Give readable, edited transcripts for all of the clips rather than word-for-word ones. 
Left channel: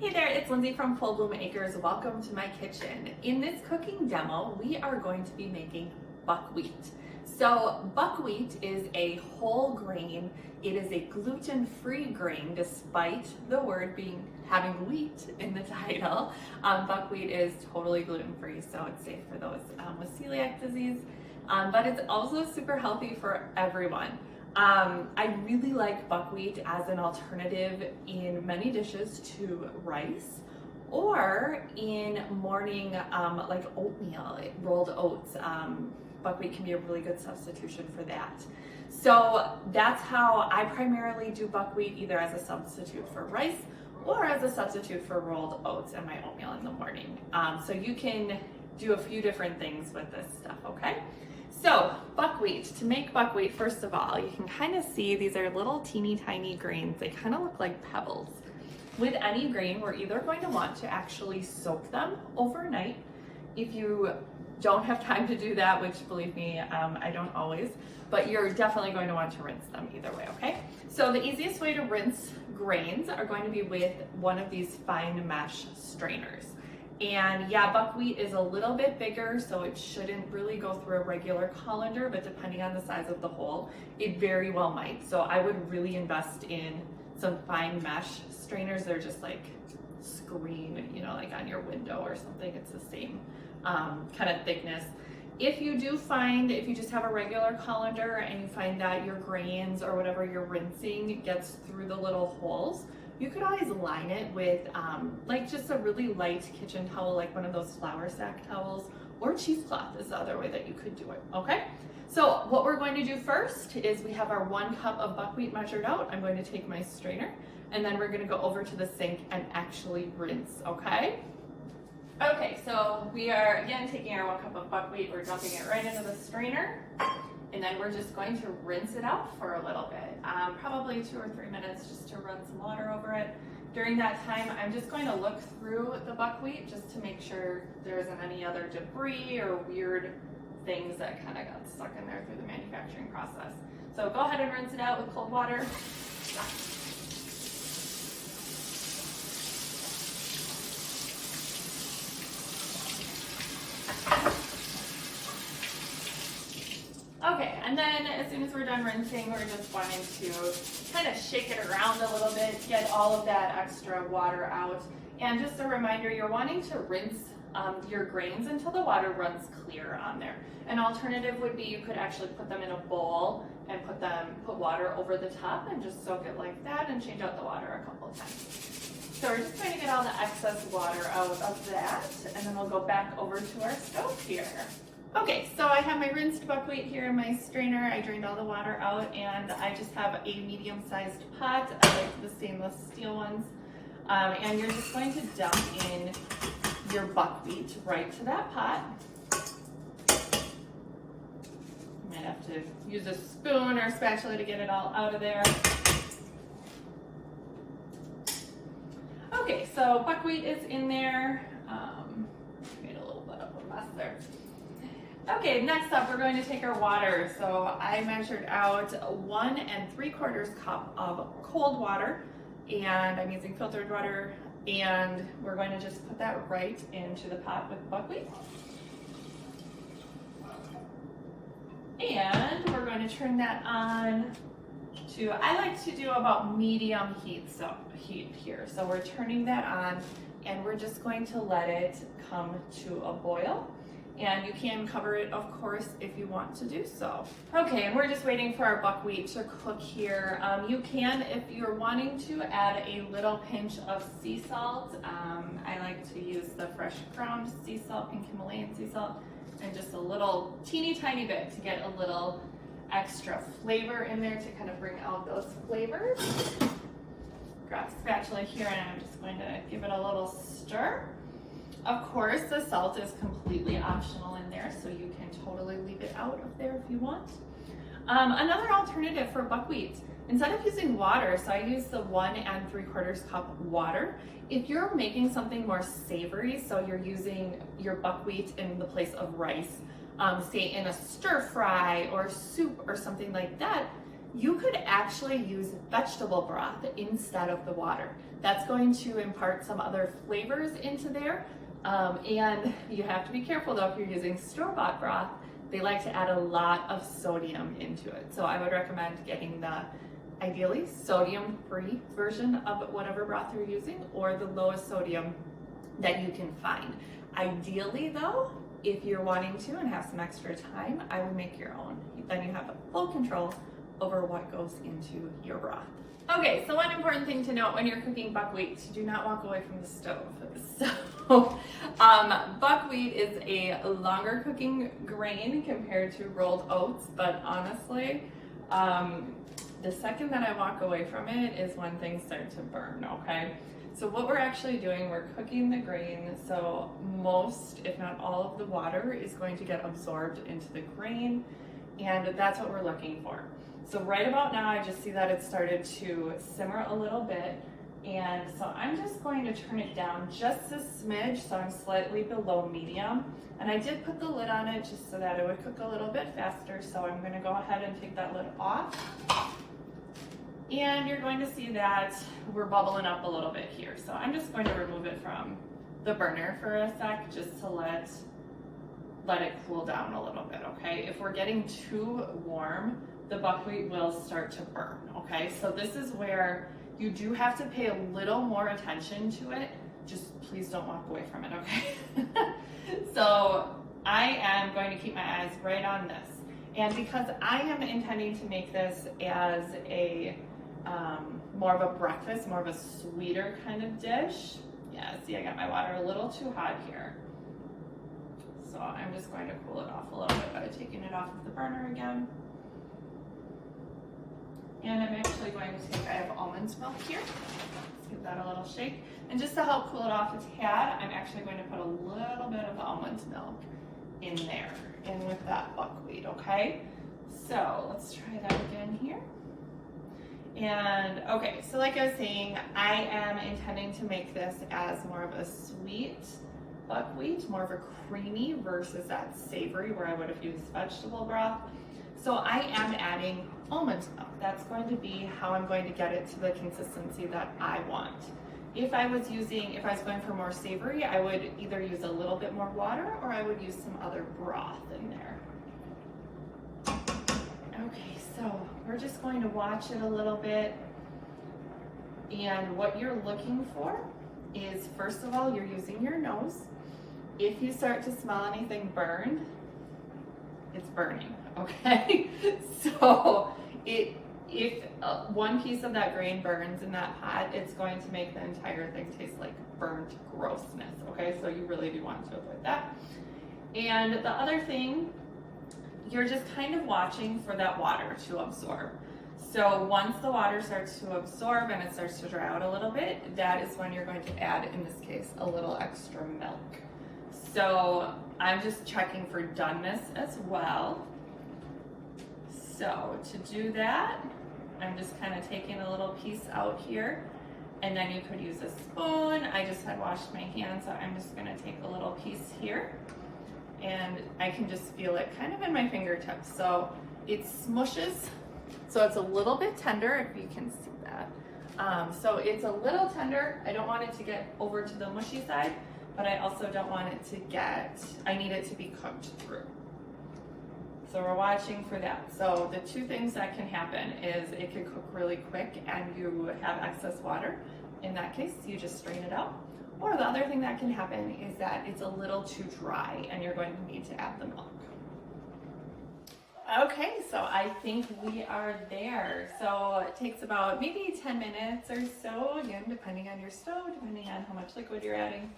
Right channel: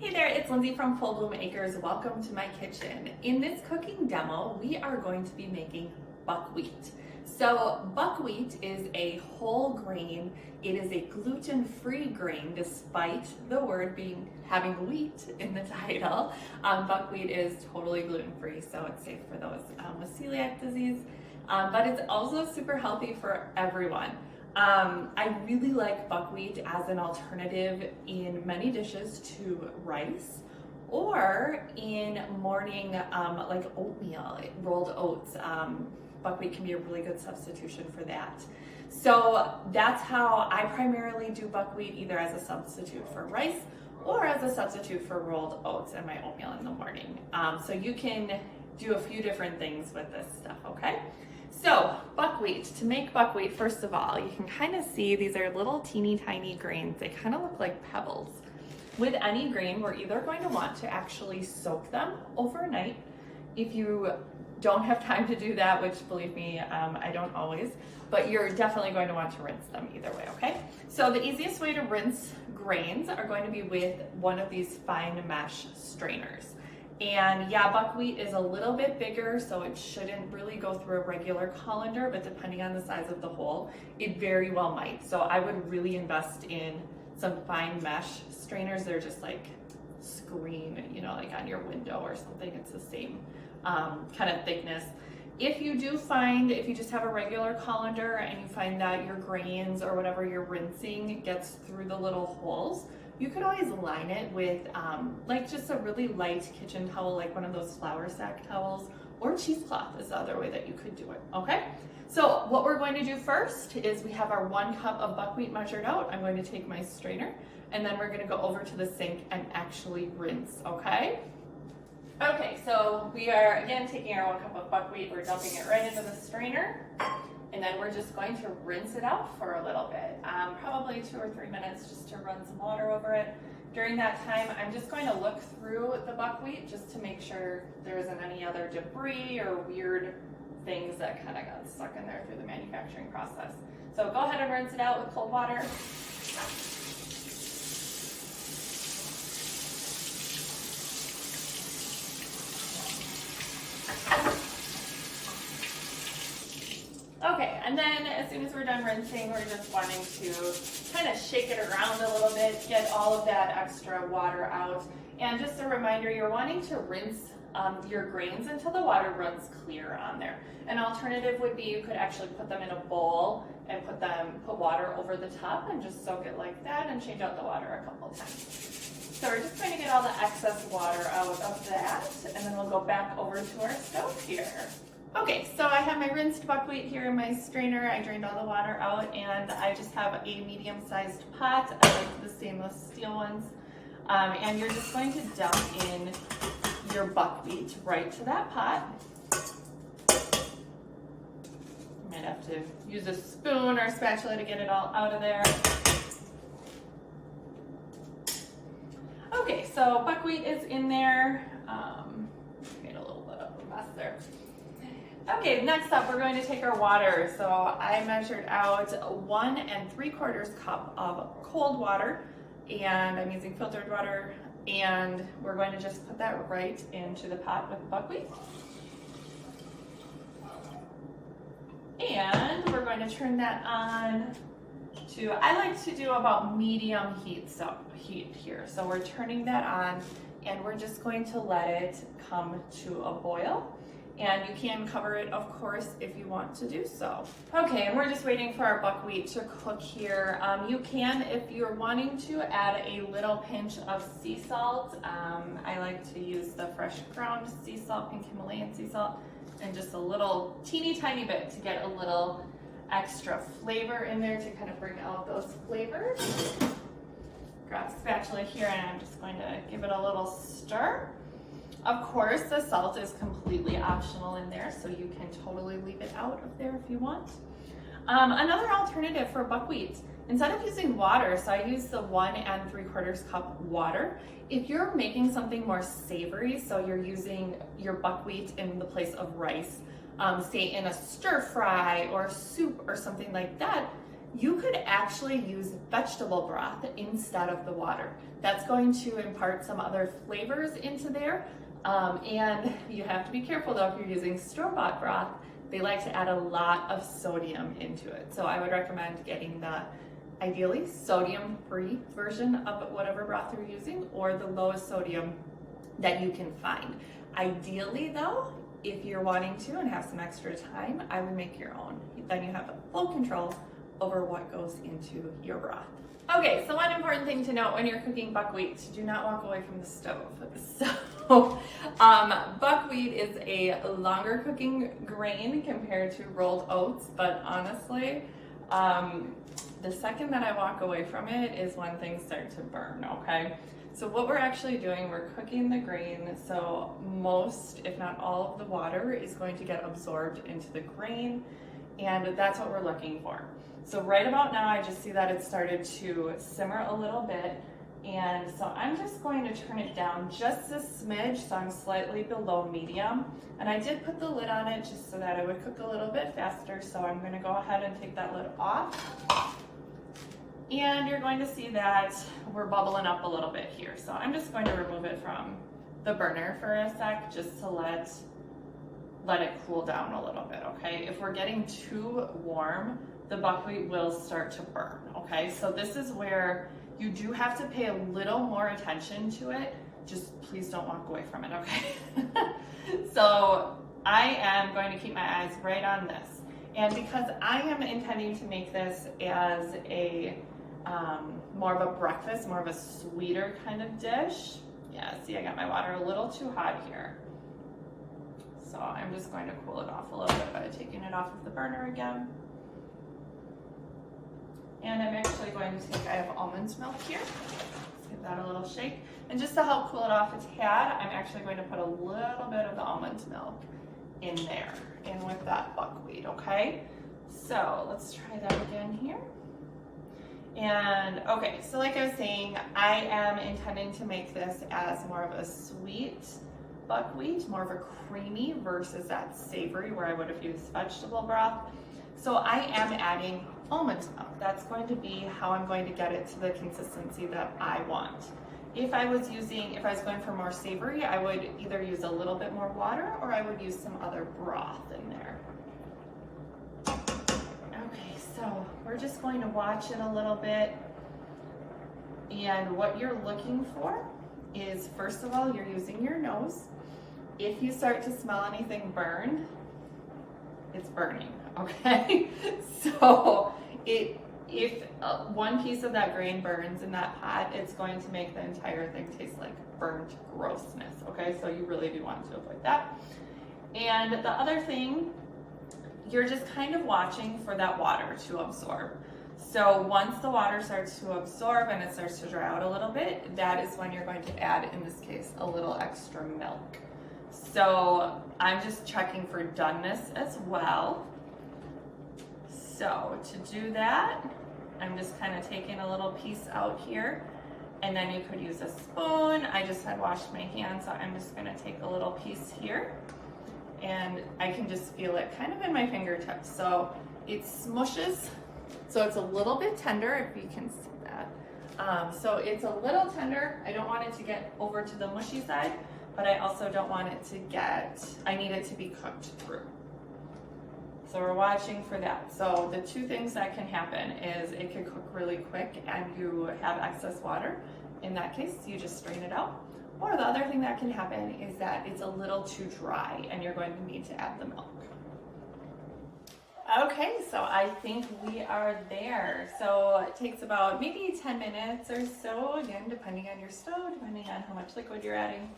Hey there, it's Lindsay from Full Bloom Acres. Welcome to my kitchen. In this cooking demo, we are going to be making buckwheat. So buckwheat is a whole grain. It is a gluten-free grain, despite the word having wheat in the title. Buckwheat is totally gluten-free, so it's safe for those with celiac disease. But it's also super healthy for everyone. I really like buckwheat as an alternative in many dishes to rice or in morning like oatmeal, rolled oats. Buckwheat can be a really good substitution for that. So that's how I primarily do buckwheat, either as a substitute for rice or as a substitute for rolled oats in my oatmeal in the morning. So you can do a few different things with this stuff, okay? So buckwheat, to make buckwheat, first of all, you can kind of see these are little teeny tiny grains. They kind of look like pebbles. With any grain, we're either going to want to actually soak them overnight. If you don't have time to do that, which believe me, I don't always, but you're definitely going to want to rinse them either way, okay? So the easiest way to rinse grains are going to be with one of these fine mesh strainers. And yeah, buckwheat is a little bit bigger, so it shouldn't really go through a regular colander, but depending on the size of the hole, it very well might. So I would really invest in some fine mesh strainers. They're just like screen, you know, like on your window or something. It's the same kind of thickness. If you just have a regular colander and you find that your grains or whatever you're rinsing gets through the little holes, you could always line it with like just a really light kitchen towel, like one of those flour sack towels, or cheesecloth is the other way that you could do it, okay? So what we're going to do first is we have our 1 cup of buckwheat measured out. I'm going to take my strainer, and then we're gonna go over to the sink and actually rinse, okay? Okay, so we are again taking our 1 cup of buckwheat, we're dumping it right into the strainer. And then we're just going to rinse it out for a little bit, probably 2 or 3 minutes just to run some water over it. During that time, I'm just going to look through the buckwheat just to make sure there isn't any other debris or weird things that kind of got stuck in there through the manufacturing process. So go ahead and rinse it out with cold water. Okay, and then as soon as we're done rinsing, we're just wanting to kind of shake it around a little bit, get all of that extra water out. And just a reminder, you're wanting to rinse your grains until the water runs clear on there. An alternative would be you could actually put them in a bowl and put water over the top and just soak it like that and change out the water a couple of times. So we're just going to get all the excess water out of that, and then we'll go back over to our stove here. Okay, so I have my rinsed buckwheat here in my strainer. I drained all the water out, and I just have a medium-sized pot. I like the stainless steel ones. And you're just going to dump in your buckwheat right to that pot. You might have to use a spoon or a spatula to get it all out of there. Okay, so buckwheat is in there. Made a little bit of a mess there. Okay, next up we're going to take our water. So I measured out 1 3/4 cup of cold water, and I'm using filtered water, and we're going to just put that right into the pot with the buckwheat. And we're going to turn that on to, I like to do about medium heat here. So we're turning that on, and we're just going to let it come to a boil. And you can cover it, of course, if you want to do so. Okay, and we're just waiting for our buckwheat to cook here. You can, if you're wanting to, add a little pinch of sea salt. I like to use the fresh ground sea salt, pink Himalayan sea salt, and just a little teeny tiny bit to get a little extra flavor in there to kind of bring out those flavors. Grab a spatula here, and I'm just going to give it a little stir. Of course, the salt is completely optional in there, so you can totally leave it out of there if you want. Another alternative for buckwheat, instead of using water, so I use the 1 3/4 cup water. If you're making something more savory, so you're using your buckwheat in the place of rice, say in a stir fry or soup or something like that, You could actually use vegetable broth instead of the water. That's going to impart some other flavors into there. And you have to be careful though if you're using store-bought broth. They like to add a lot of sodium into it. So I would recommend getting the ideally sodium-free version of whatever broth you're using, or the lowest sodium that you can find. Ideally though, if you're wanting to and have some extra time, I would make your own. Then you have full control over what goes into your broth. Okay, so one important thing to note when you're cooking buckwheat, do not walk away from the stove. So buckwheat is a longer cooking grain compared to rolled oats, but honestly, the second that I walk away from it is when things start to burn, okay? So what we're actually doing, we're cooking the grain, so most, if not all of the water is going to get absorbed into the grain, and that's what we're looking for. So right about now, I just see that it started to simmer a little bit, and so I'm just going to turn it down just a smidge, so I'm slightly below medium. And I did put the lid on it just so that it would cook a little bit faster, so I'm gonna go ahead and take that lid off. And you're going to see that we're bubbling up a little bit here. So I'm just going to remove it from the burner for a sec, just to let it cool down a little bit, okay? If we're getting too warm, the buckwheat will start to burn, okay? So this is where you do have to pay a little more attention to it. Just please don't walk away from it, okay? So I am going to keep my eyes right on this. And because I am intending to make this as a more of a breakfast, more of a sweeter kind of dish. Yeah, see, I got my water a little too hot here. So I'm just going to cool it off a little bit by taking it off of the burner again. And I'm actually going to take, I have almond milk here. Let's give that a little shake. And just to help cool it off a tad, I'm actually going to put a little bit of the almond milk in there, and with that buckwheat, okay? So let's try that again here. And okay, so like I was saying, I am intending to make this as more of a sweet buckwheat, more of a creamy versus that savory where I would have used vegetable broth. So I am adding almond milk. That's going to be how I'm going to get it to the consistency that I want. If I was going for more savory, I would either use a little bit more water or I would use some other broth in there. Okay, so we're just going to watch it a little bit. And what you're looking for is, first of all, you're using your nose. If you start to smell anything burned, it's burning, okay? So if one piece of that grain burns in that pot, it's going to make the entire thing taste like burnt grossness, okay? So you really do want to avoid that. And the other thing, you're just kind of watching for that water to absorb. So once the water starts to absorb and it starts to dry out a little bit, that is when you're going to add, in this case, a little extra milk. So I'm just checking for doneness as well. So to do that, I'm just kind of taking a little piece out here, and then you could use a spoon. I just had washed my hands, so I'm just gonna take a little piece here, and I can just feel it kind of in my fingertips. So it smushes, so it's a little bit tender, if you can see that. So it's a little tender. I don't want it to get over to the mushy side, but I also don't want it to I need it to be cooked through. So we're watching for that. So the two things that can happen is it can cook really quick and you have excess water. In that case, you just strain it out. Or the other thing that can happen is that it's a little too dry and you're going to need to add the milk. Okay, so I think we are there. So it takes about maybe 10 minutes or so, again, depending on your stove, depending on how much liquid you're adding.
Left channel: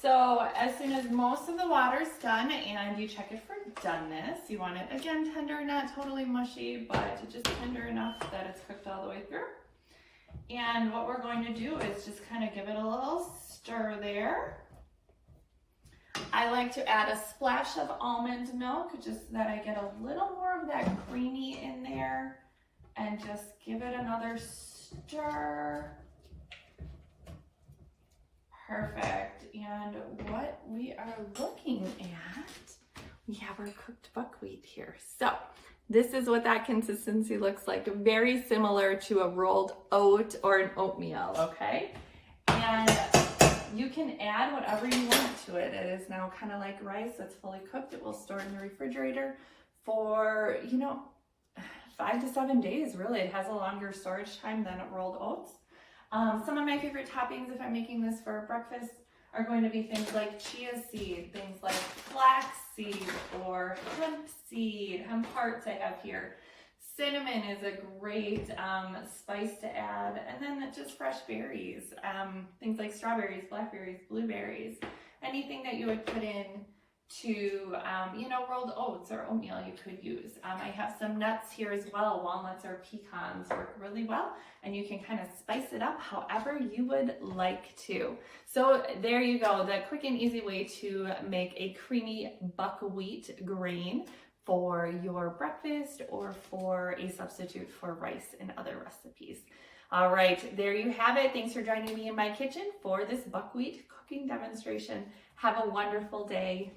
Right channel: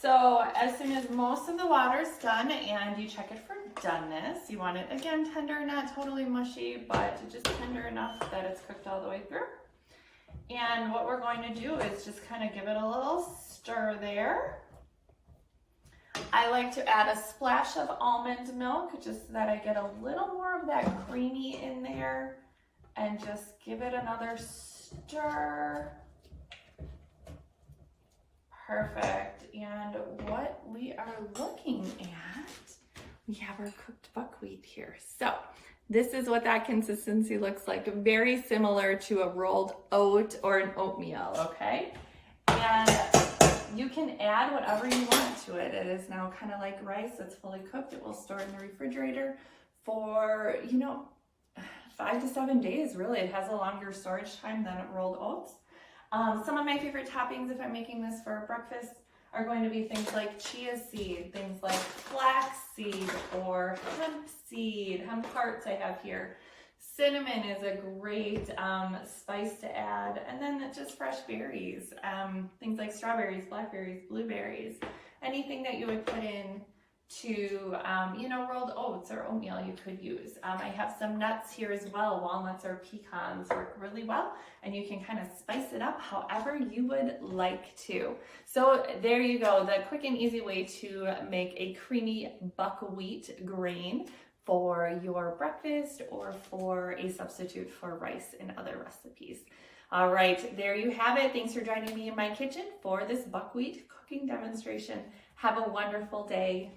So as soon as most of the water is done and you check it for doneness, you want it, again, tender, not totally mushy, but just tender enough that it's cooked all the way through. And what we're going to do is just kind of give it a little stir there. I like to add a splash of almond milk just so that I get a little more of that creamy in there, and just give it another stir. Perfect. And what we are looking at, we have our cooked buckwheat here. So This is what that consistency looks like. Very similar to a rolled oat or an oatmeal, okay? And you can add whatever you want to it. It is now kind of like rice that's fully cooked. It will store in the refrigerator for, 5 to 7 days, really. It has a longer storage time than rolled oats. Some of my favorite toppings, if I'm making this for breakfast, are going to be things like chia seed, things like flax seed or hemp seed, hemp hearts I have here. Cinnamon is a great spice to add, and then just fresh berries, things like strawberries, blackberries, blueberries, anything that you would put in to, rolled oats or oatmeal you could use. I have some nuts here as well. Walnuts or pecans work really well, and you can kind of spice it up however you would like to. So there you go, the quick and easy way to make a creamy buckwheat grain for your breakfast or for a substitute for rice in other recipes. All right, there you have it. Thanks for joining me in my kitchen for this buckwheat cooking demonstration. Have a wonderful day.